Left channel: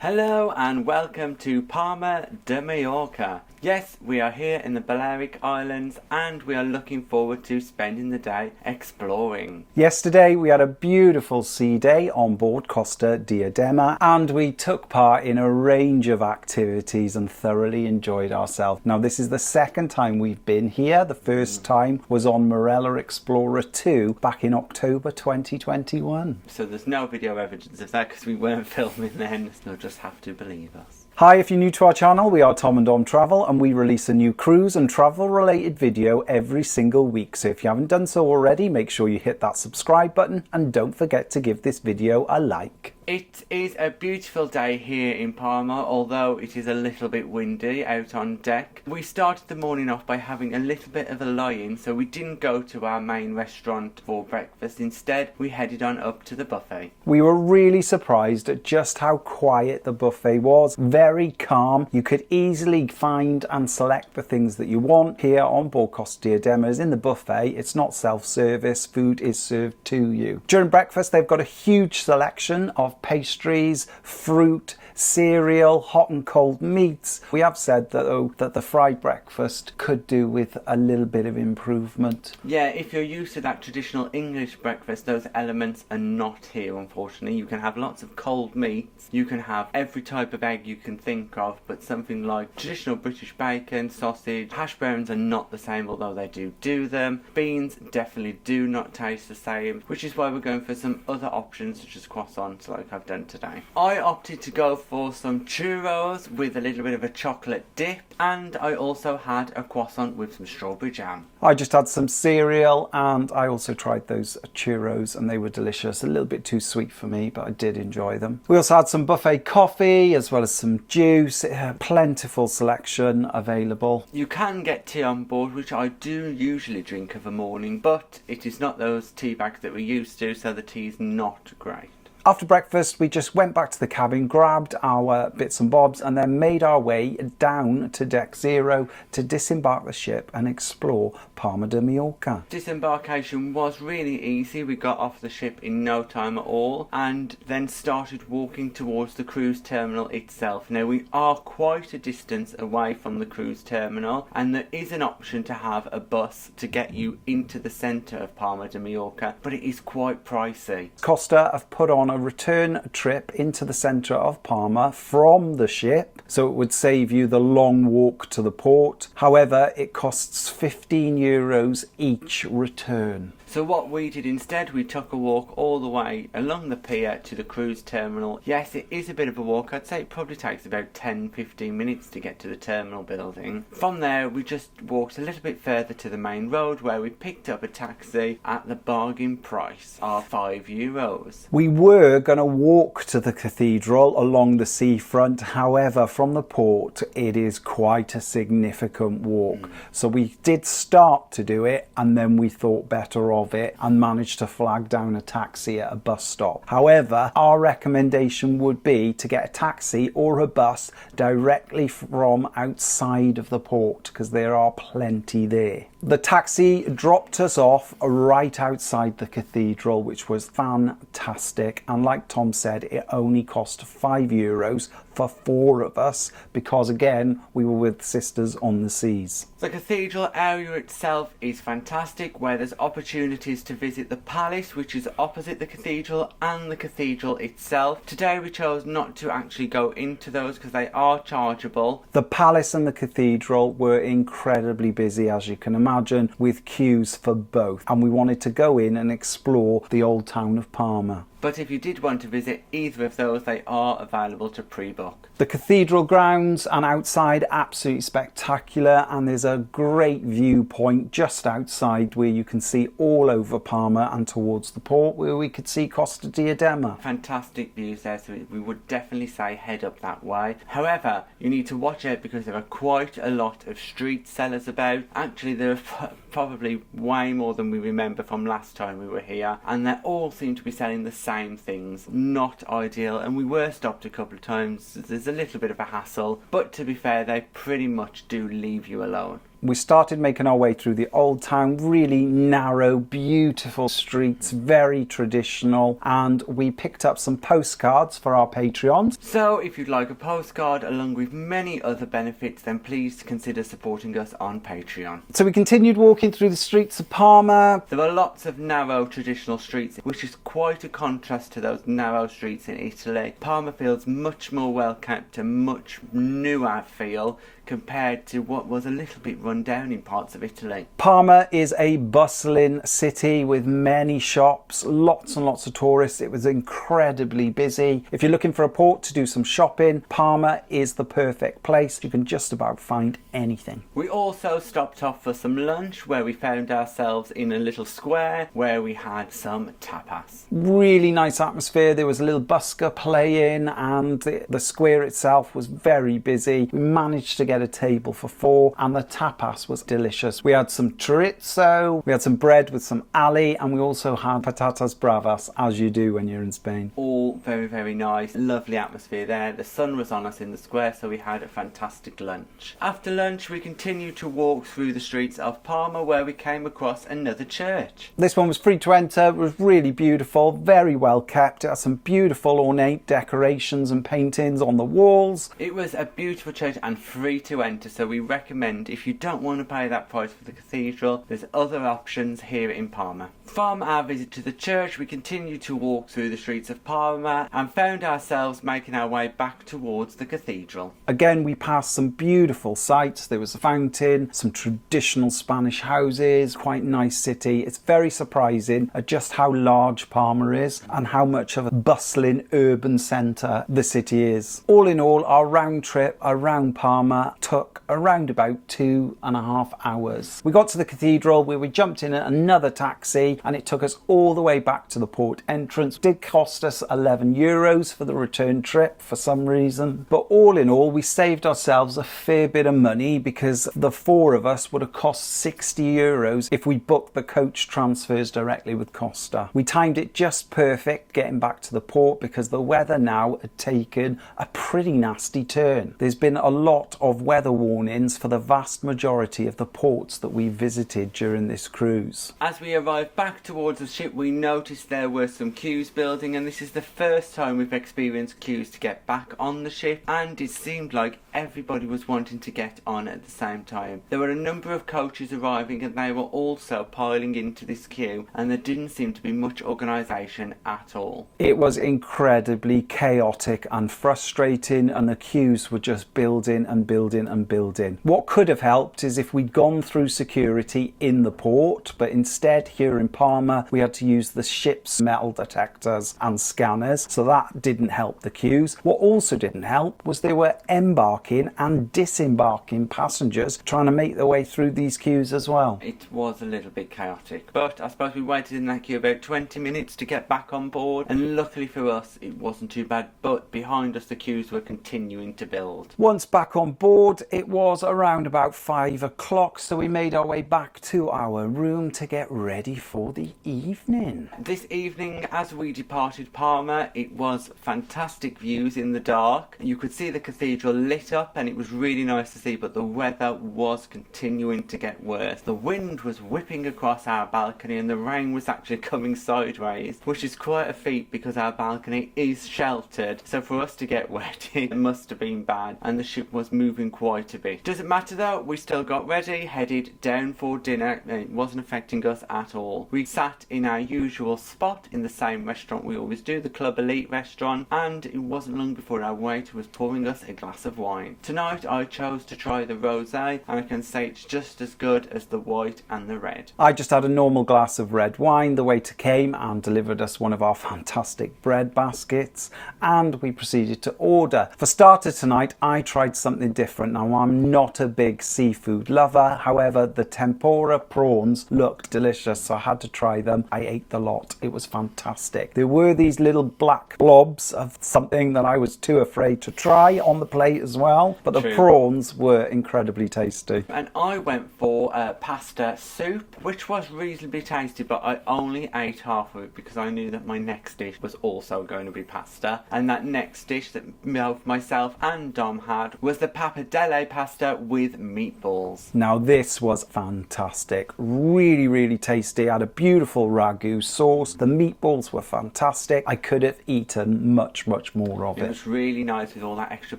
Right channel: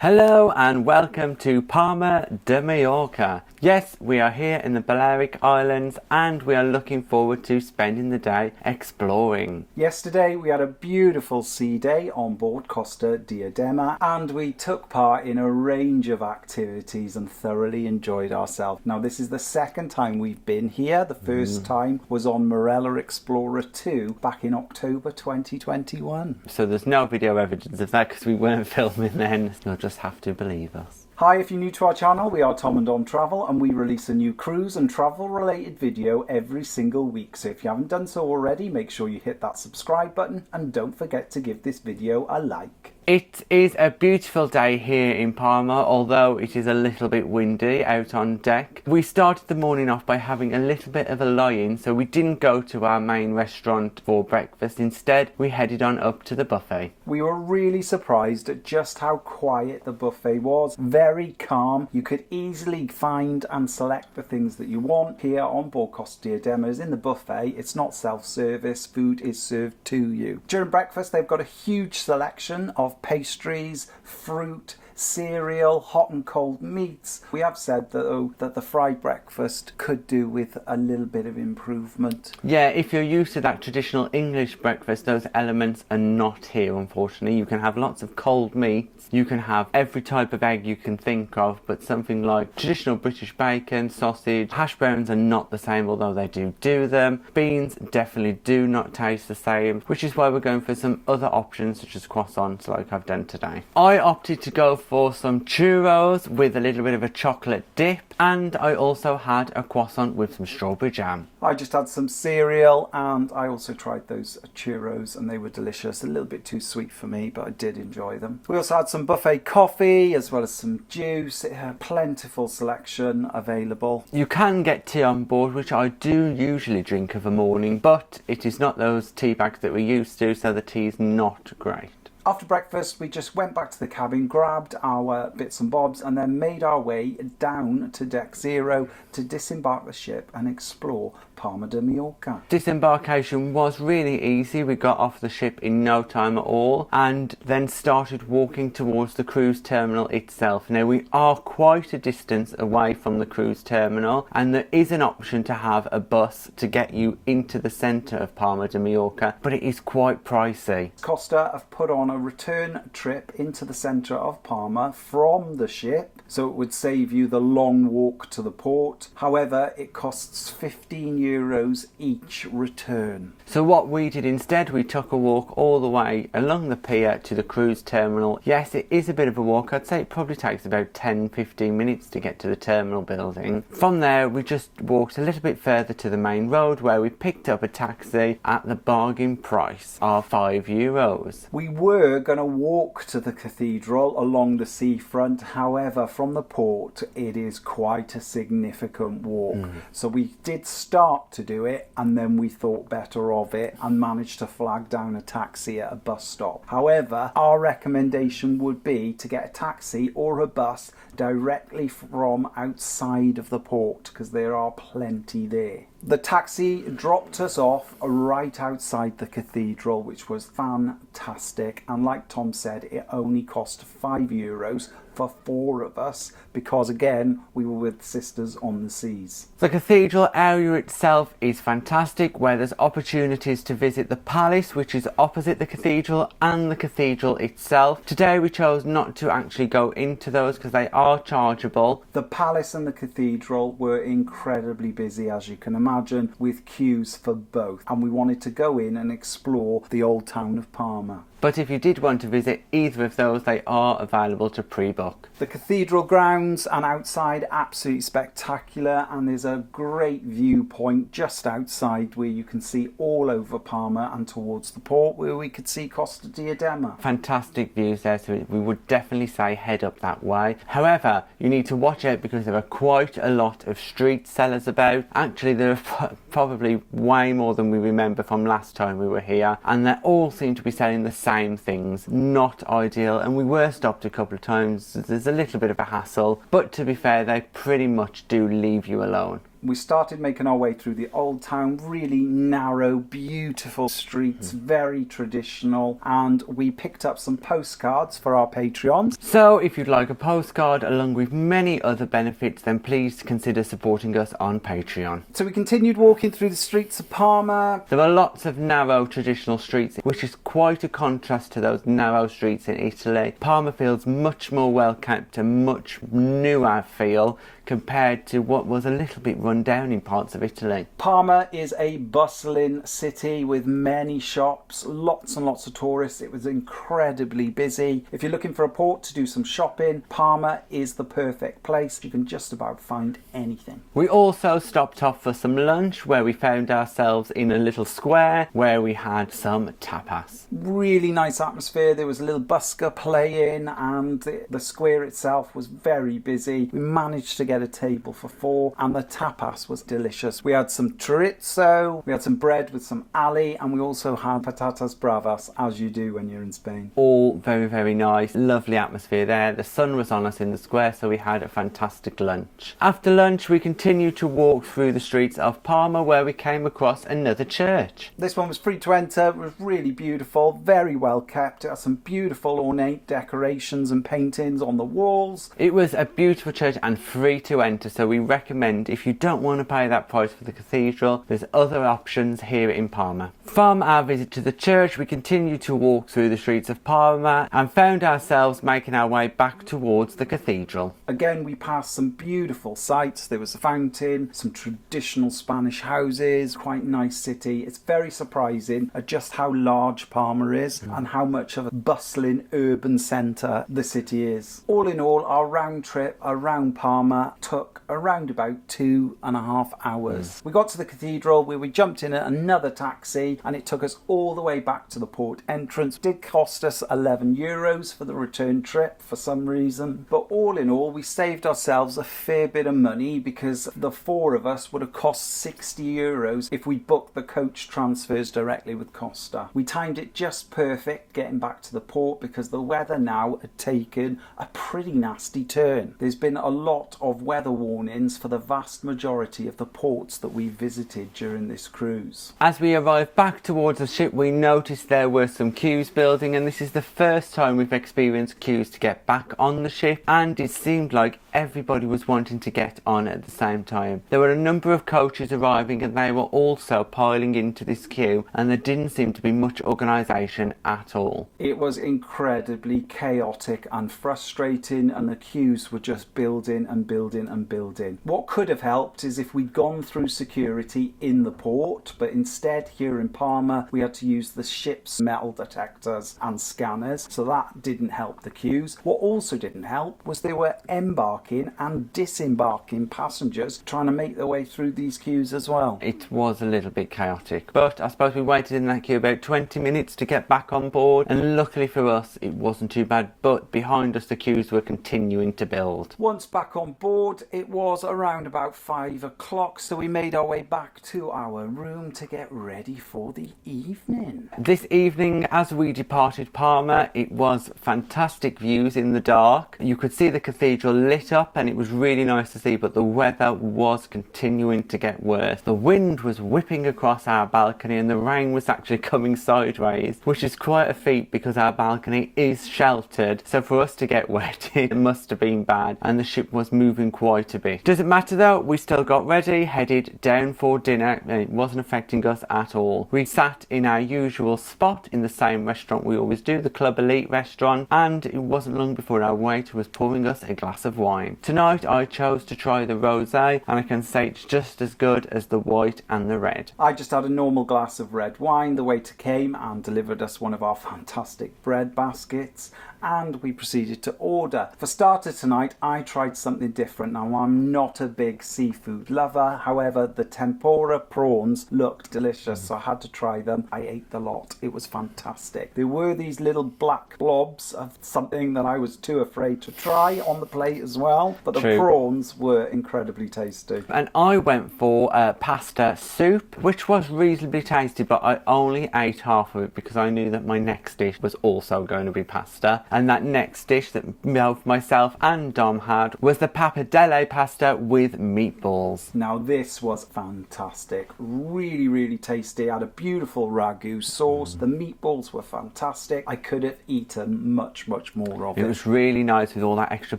Hello and welcome to Palma de Mallorca. Yes, we are here in the Balearic Islands and we are looking forward to spending the day exploring. Yesterday we had a beautiful sea day on board Costa Diadema and we took part in a range of activities and thoroughly enjoyed ourselves. Now this is the second time we've been here. The first time was on Marella Explorer 2 back in October 2021. So there's no video evidence of that because we weren't filming then. You'll just have to believe us. Hi, if you're new to our channel, we are Tom and Dom Travel and we release a new cruise and travel related video every single week. So if you haven't done so already, make sure you hit that subscribe button and don't forget to give this video a like. It is a beautiful day here in Palma, although it is a little bit windy out on deck. We started the morning off by having a little bit of a lie-in, so we didn't go to our main restaurant for breakfast. Instead, we headed on up to the buffet. We were really surprised at just how quiet the buffet was. Very calm. You could easily find and select the things that you want. Here on board Costa Diadema in the buffet, it's not self-service. Food is served to you. During breakfast, they've got a huge selection of pastries, fruit, cereal, hot and cold meats. We have said that the fried breakfast could do with a little bit of improvement. Yeah, if you're used to that traditional English breakfast, those elements are not here, unfortunately. You can have lots of cold meats, you can have every type of egg you can think of, but something like traditional British bacon, sausage, hash browns are not the same, although they do them. Beans definitely do not taste the same, which is why we're going for some other options such as croissants like I've done today. I opted to go for some churros with a little bit of a chocolate dip, and I also had a croissant with some strawberry jam. I just had some cereal and I also tried those churros and they were delicious. A little bit too sweet for me, but I did enjoy them. We also had some buffet coffee as well as some juice. Plentiful selection available. You can get tea on board, which I do usually drink of a morning, but it is not those tea bags that we're used to, so the tea is not great. After breakfast, we just went back to the cabin, grabbed our bits and bobs and then made our way down to deck 0 to disembark the ship and explore Palma de Mallorca. Disembarkation was really easy. We got off the ship in no time at all and then started walking towards the cruise terminal itself. Now we are quite a distance away from the cruise terminal and there is an option to have a bus to get you into the centre of Palma de Mallorca, but it is quite pricey. Costa have put on a return trip into the centre of Palma from the ship, so it would save you the long walk to the port. However, it costs €15 each return. So what we did instead, we took a walk all the way along the pier to the cruise terminal. Yes, it is a bit of a walk. I'd say it probably takes about 10-15 minutes to get to the terminal building. From there, we just walked a little bit further to the main road where we picked up a taxi at the bargain price of €5. We were going to walk to the cathedral along the seafront. However, from the port, it is quite a significant walk. So we did start to do it and then we thought better of it and managed to flag down a taxi at a bus stop. However, our recommendation would be to get a taxi or a bus directly from outside of the port because there are plenty there. The taxi dropped us off right outside the cathedral, which was fantastic, and like Tom said, it only cost €5 for 4 of us because again we were with Sisters on the Seas. The cathedral area itself is fantastic, where there's opportunities to visit the palace, which is opposite the cathedral, and the cathedral itself. Today we chose not to actually go into those because they are chargeable. The palace and the cathedral were incredibly busy, as you can imagine, with queues for both, and we wanted to go in and explore the old town of Palma. But if you did want to visit either of those, they are available to pre-book. The cathedral grounds and outside absolutely spectacular, and there's a great viewpoint just outside where you can see all over Palma and towards the port where we could see Costa Diadema. Fantastic views there, so we would definitely say head up that way. However, you need to watch out because there are quite a lot of street sellers about. Actually, there are probably way more than we remember from last time we were here, and they all seem to be selling the same things. Not ideal, and we were stopped a couple of times. There's a little bit of a hassle, but to be fair, they pretty much do leave you alone. We started making our way through the old town, really narrow, beautiful streets, very traditional, and we picked up some postcards for our Patreons. So if you'd like a postcard along with many other benefits, then please consider supporting us on Patreon. So we continued walking through the streets of Parma. There were lots of narrow traditional streets, which is quite a contrast to those narrow streets in Italy. Parma feels much more well kept and much newer feel compared to what was a little bit run down in parts of Italy. Parma is a bustling city with many shops, lots and lots of tourists. It was incredibly busy. If you're looking for a port to do some shopping, Parma is the perfect place. You can just about find anything. We also stopped off for some lunch, where we found ourselves in a little square where we had some tapas. Really nice atmosphere. There was a little busker playing and the square itself was very busy. We managed to get a table for 4 and the tapas was delicious. We had some chorizo, we had some bread with some ali, and we also had patatas bravas, as you do when you're in Spain. All very, very nice. Lovely atmosphere there. The sun was on us in the square, so we had a fantastic lunch. After lunch, we continued to walk through the streets of Parma, where we came across another church. This one was free to enter. It was really beautiful, very well kept. It had some beautiful ornate decorations and paintings on the walls. It was a beautiful church and free to enter, so we recommend, if you don't want to pay that price for the cathedral, there's other options here in Parma. From our visit to the church, we continued to walk through the streets of Parma and found ourselves making our way back towards the cathedral. Again, we passed some beautiful sights. There was a fountain, some traditional Spanish houses, quite nice city. It's very surprising at just how large Parma is and how much of a bustling urban centre the city is. All in all, our round trip around Parma took around about 2.5 hours. We got to the cathedral where we jumped in another taxi and it took us all the way back to the port entrance. It did cost us €11 for the return trip for some reason, but all in all we saved ourselves a fair bit of money because the 4 of us would have cost €60 if we booked the coach transfers directly with Costa. We timed it just perfect getting back to the port because the weather now had taken a pretty nasty turn. There's been a lot of weather warnings for the vast majority of the ports that we visited during this cruise. As we arrived back towards the ship, we noticed there were some queues building, and this is the first time we've experienced queues to get back on the ship, and it seemed like everybody was wanting to get on at the same time. There were a number of coaches arriving and they were also piling into this queue, and there didn't seem to be much organisation at all. It was incredibly chaotic and frustrating, and the queues were just building and building and building. What could have helped is if we'd gone through security in the port, but instead here in Parma we had to use the ship's metal detectors and scanners, so that didn't help the queues. What also didn't help was there were embarking and disembarking passengers trying to make their way through these queues as well. It was a little bit chaotic, but I suppose we waited in that queue about 20 minutes to get back on board, and luckily for us it wasn't too bad, but behind us the queues were continuing to build. Once back on board, it was around about 5 o'clock, so we made our way back to our room to get ready for the evening. This evening, as we departed Parma, it was fantastic views in the dark. You could see the cathedral lit up and it was really nice to see, but the weather was continuing to get worse. The wind was whipping across our balcony and the rain was actually coming sideways, which is quite a feat because our balcony is sheltered, so for us to get wet it must have been bad, and the ship was moving quite a bit. Doesn't matter though, we still got ready, headed down for dinner, and it wasn't affecting us at all. We sat in our usual spot in the same restaurant we always do, the Club Elite restaurant, and it wasn't long before our waiter was pouring us a glass of wine. Tonight I chose to try the rosé, and I can say it's just as good as the white and the red. I just had a normal glass of red wine. The waiter came and delivered us one of our fantastic bread baskets, and we proceeded to order. For starters tonight, I tried something different. Now, I'm not a big seafood lover, however, the tempura prawns looked delicious, so I had to try them. I ate the lot. It was fantastic. There were these little black blobs of something that I was too afraid to try on the plate as well. well, but the True. prawns were incredibly tasty. And I went for pasta soup, which was reasonably tasty, but I only ate half of it because I knew that my next dish was also going to be pasta. And that next dish that both myself and Dom had was the pappardelle pasta with meatballs. Now this was fantastic, really, really tasty. Had a beautiful ragu sauce. The meatballs were fantastic. I could have eaten much, much more of it. It was really nice with all that extra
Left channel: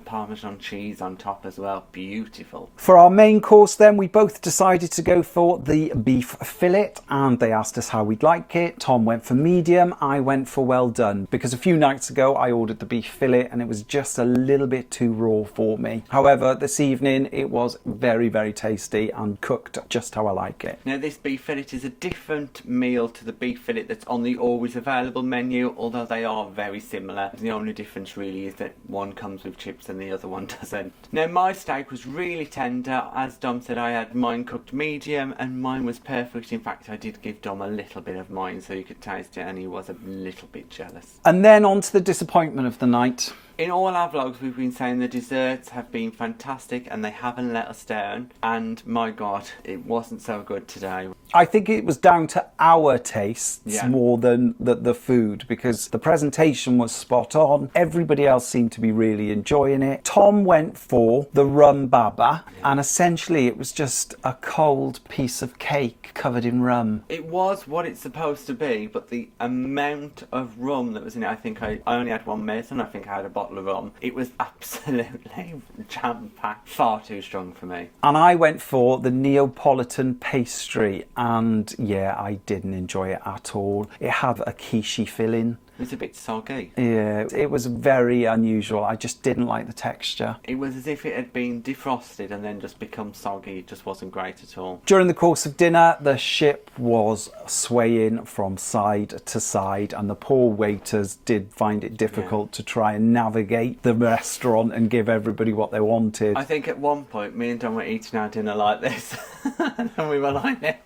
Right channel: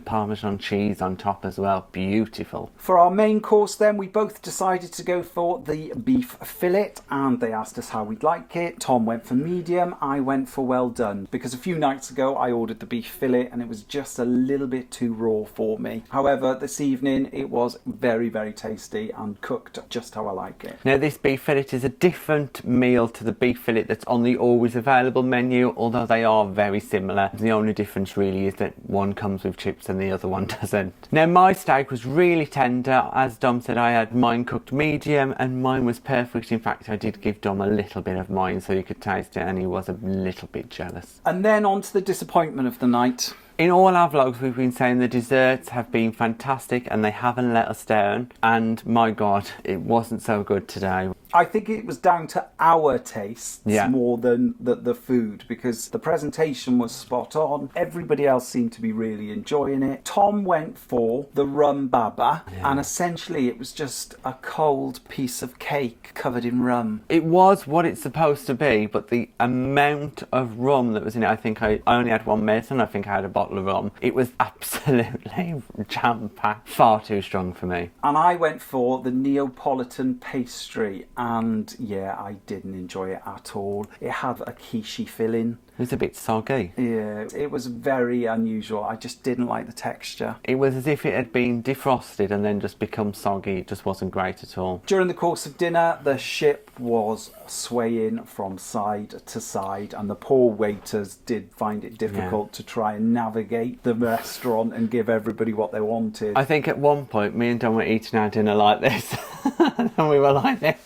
Parmesan cheese on top as well. Beautiful. For our main course then, we both decided to go for the beef fillet, and they asked us how we'd like it. Tom went for medium, I went for well done, because a few nights ago I ordered the beef fillet and it was just a little bit too raw for me. However, this evening it was very, very tasty and cooked just how I like it. Now this beef fillet is a different meal to the beef fillet that's on the always available menu, although they are very similar. The only difference really is that one comes with chips and the other one doesn't. Now my steak was really tender. As Dom said, I had mine cooked medium and mine was perfect. In fact, I did give Dom a little bit of mine so you could taste it, and he was a little bit jealous. And then on to the disappointment of the night. In all our vlogs we've been saying the desserts have been fantastic and they haven't let us down, and my god, it wasn't so good today. I think it was down to our tastes Yeah. more than the food, because the presentation was spot on. Everybody else seemed to be really enjoying it. Tom went for the rum baba, and essentially it was just a cold piece of cake covered in rum. It was what it's supposed to be, but the amount of rum that was in it, I think I only had one medicine, I think I had a bottle of rum. It was absolutely jam-packed, far too strong for me. And I went for the Neapolitan pastry, and yeah, I didn't enjoy it at all. It had a quiche filling. It was a bit soggy. Yeah, it was very unusual. I just didn't like the texture. It was as if it had been defrosted and then just become soggy. It just wasn't great at all. During the course of dinner, the ship was swaying from side to side, and the poor waiters did find it difficult to try and navigate the restaurant and give everybody what they wanted. I think at one point me and Dom were eating our dinner like this and we were like this.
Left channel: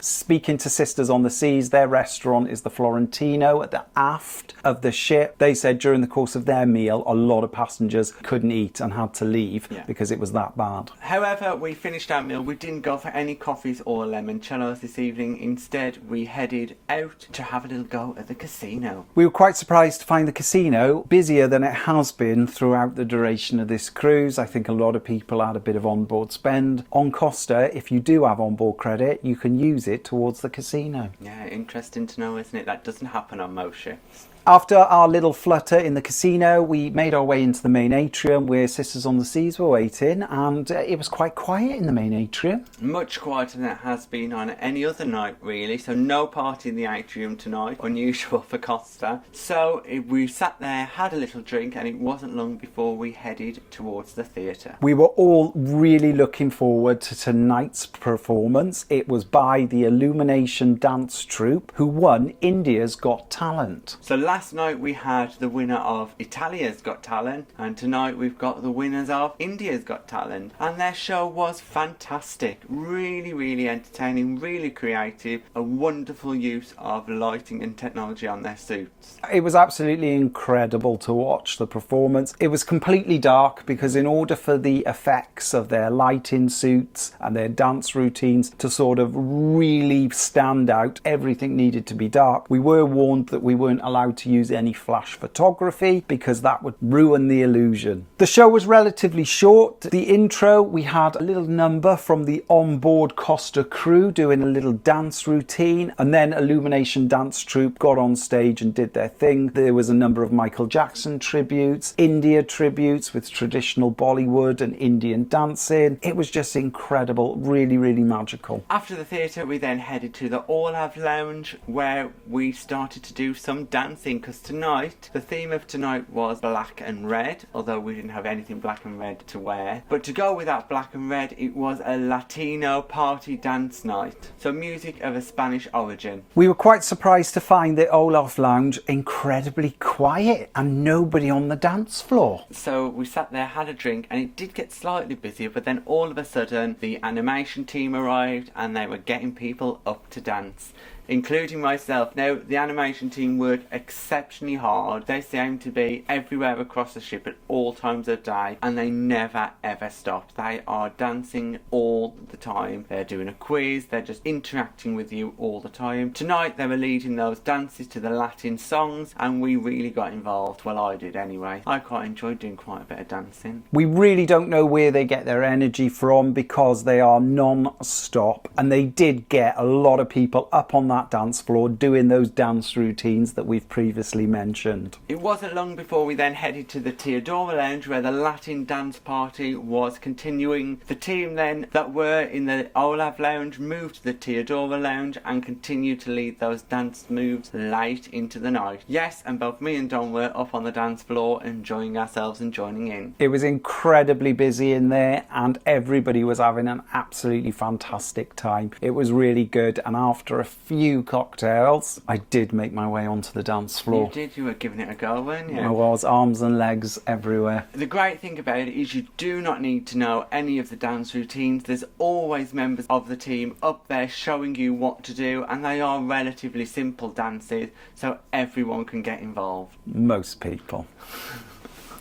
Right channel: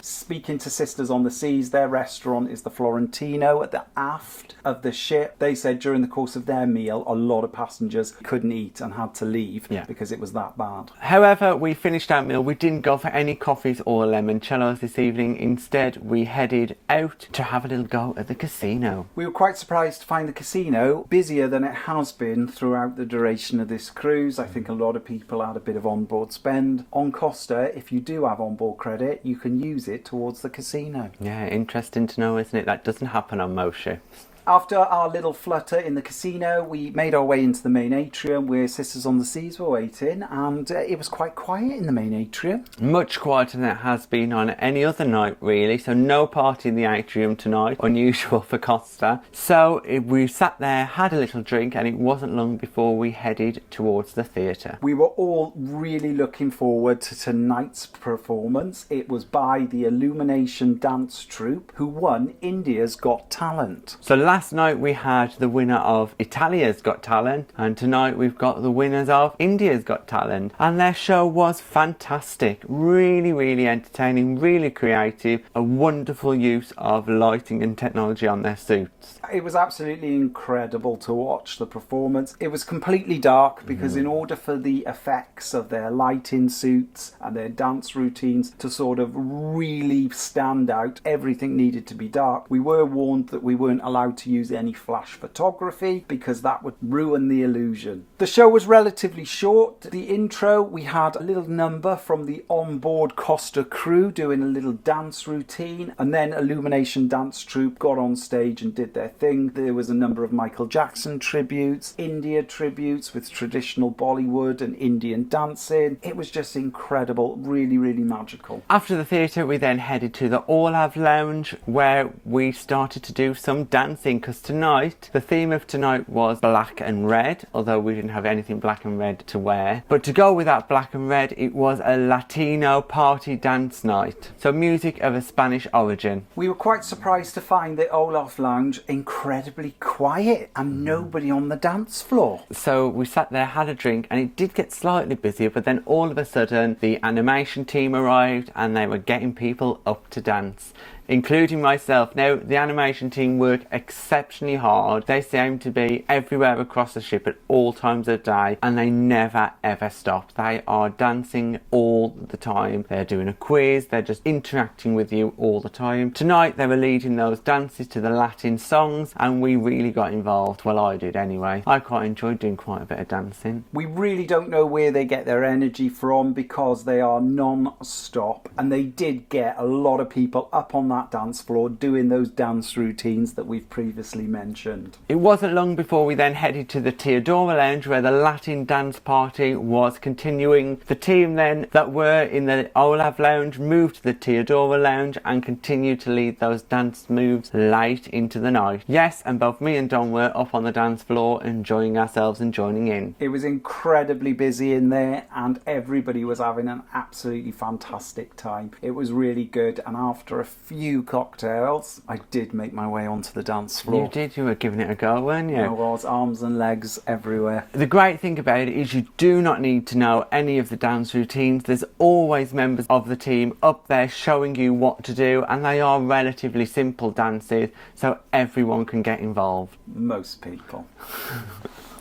Speaking to Sisters on the Seas, their restaurant is the Florentino at the aft of the ship. They said during the course of their meal a lot of passengers couldn't eat and had to leave because it was that bad. However, we finished our meal. We didn't go for any coffees or limoncellos this evening. Instead, we headed out to have a little go at the casino. We were quite surprised to find the casino busier than it has been throughout the duration of this cruise. I think a lot of people had a bit of onboard spend. On Costa, if you do have onboard credit, you can use it towards the casino. Yeah, interesting to know, isn't it? That doesn't happen on most ships. After our little flutter in the casino, we made our way into the main atrium where Sisters on the Seas were waiting, and it was quite quiet in the main atrium. Much quieter than it has been on any other night, really. So no party in the atrium tonight, unusual for Costa. So we sat there, had a little drink, and it wasn't long before we headed towards the theatre. We were all really looking forward to tonight's performance. It was by the Illumination Dance Troupe, who won India's Got Talent. So last night we had the winner of Italia's Got Talent, and tonight we've got the winners of India's Got Talent, and their show was fantastic. Really, really entertaining, really creative, a wonderful use of lighting and technology on their suits. It was absolutely incredible to watch the performance. It was completely dark because in order for the effects of their lighting suits and their dance routines to sort of really stand out, everything needed to be dark. We were warned that we weren't allowed to use any flash photography because that would ruin the illusion. The show was relatively short. The intro, we had a little number from the onboard Costa crew doing a little dance routine, and then Illumination Dance Troupe got on stage and did their thing. There was a number of Michael Jackson tributes, India tributes with traditional Bollywood and Indian dancing. It was just incredible, really, really magical. After the theatre, we then headed to the All-Av Lounge, where we started to do some dancing, because tonight, the theme of tonight was black and red, although we didn't have anything black and red to wear. But to go with that black and red, it was a Latino party dance night, so music of a Spanish origin. We were quite surprised to find the Olaf Lounge incredibly quiet and nobody on the dance floor. So we sat there, had a drink, and it did get slightly busier, but then all of a sudden the animation team arrived and they were getting people up to dance. including myself. Now, the animation team work exceptionally hard. They seem to be everywhere across the ship at all times of day, and they never ever stop. They are dancing all the time. They're doing a quiz, they're just interacting with you all the time. Tonight they were leading those dances to the Latin songs, and we really got involved. Well, I did anyway. I quite enjoyed doing quite a bit of dancing. We really don't know where they get their energy from because they are non-stop, and they did get a lot of people up on that dance floor doing those dance routines that we've previously mentioned. It wasn't long before we then headed to the Teodora Lounge, where the Latin dance party was continuing. The team then that were in the Olaf Lounge moved to the Teodora Lounge and continued to lead those dance moves late into the night. Yes, and both me and Don were up on the dance floor enjoying ourselves and joining in. It was incredibly busy in there and everybody was having an absolutely fantastic time. It was really good, and after a few cocktails I did make my way onto the dance floor. You did, you were giving it a go, weren't you? I was, arms and legs everywhere. The great thing about it is you do not need to know any of the dance routines. There's always members of the team up there showing you what to do, and they are relatively simple dances, so everyone can get involved. Most people.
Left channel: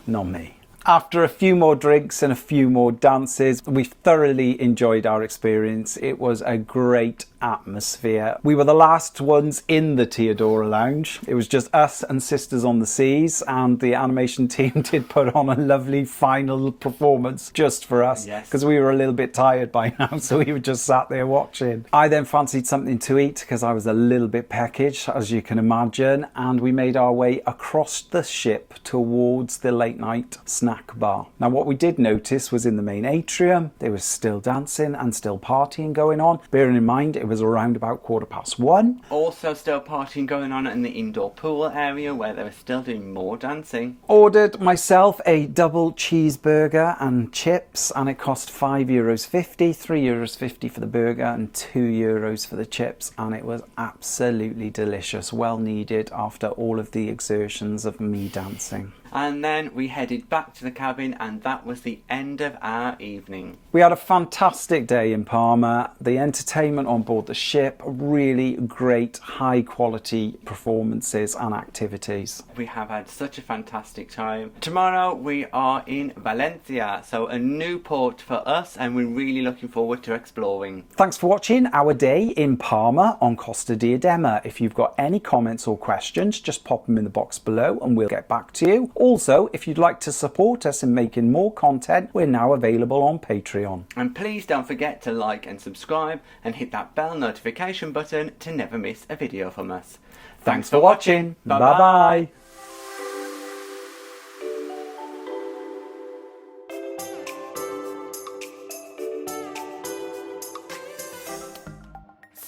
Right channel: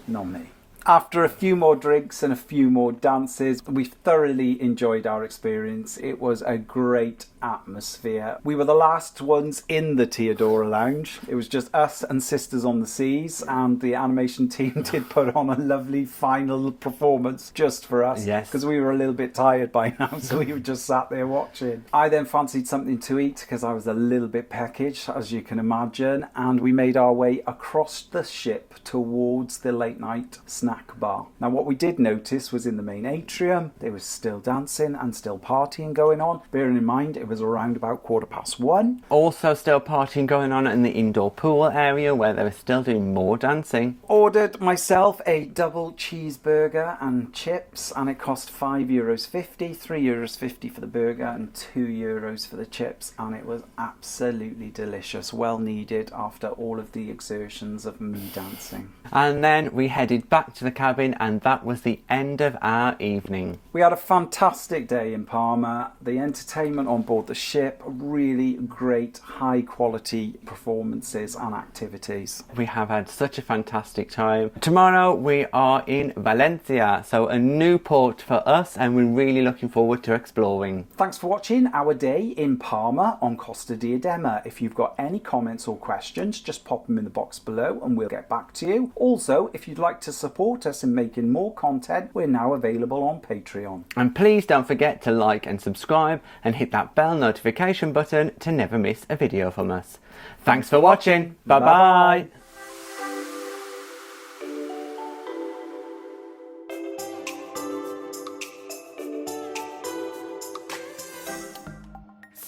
Not me. After a few more drinks and a few more dances, we thoroughly enjoyed our experience. It was a great atmosphere. We were the last ones in the Teodora Lounge. It was just us and Sisters on the Seas, and the animation team did put on a lovely final performance just for us. Yes. Because we were a little bit tired by now, so we were just sat there watching. I then fancied something to eat because I was a little bit peckish, as you can imagine, and we made our way across the ship towards the late night snack bar. Now, what we did notice was in the main atrium there was still dancing and still partying going on. Bearing in mind it was around about 1:15. Also still partying going on in the indoor pool area, where they were still doing more dancing. Ordered myself a double cheeseburger and chips, and it cost €5.50, €3.50 for the burger and €2 for the chips, and it was absolutely delicious, well needed after all of the exertions of me dancing. And then we headed back to the cabin, and that was the end of our evening. We had a fantastic day in Palma. The entertainment on board the ship, really great high quality performances and activities. We have had such a fantastic time. Tomorrow we are in Valencia, so a new port for us, and we're really looking forward to exploring. Thanks for watching our day in Palma on Costa Diadema. If you've got any comments or questions, just pop them in the box below and we'll get back to you. Also, if you'd like to support us in making more content, we're now available on Patreon. And please don't forget to like and subscribe and hit that bell notification button to never miss a video from us. Thanks for watching. Bye bye.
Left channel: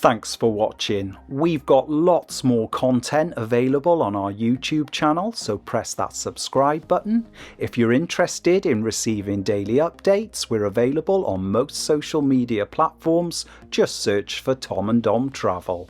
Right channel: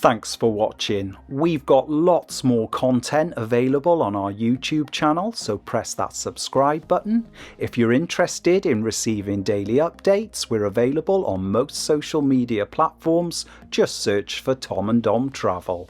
Thanks for watching. We've got lots more content available on our YouTube channel, so press that subscribe button. If you're interested in receiving daily updates, we're available on most social media platforms. Just search for Tom and Dom Travel.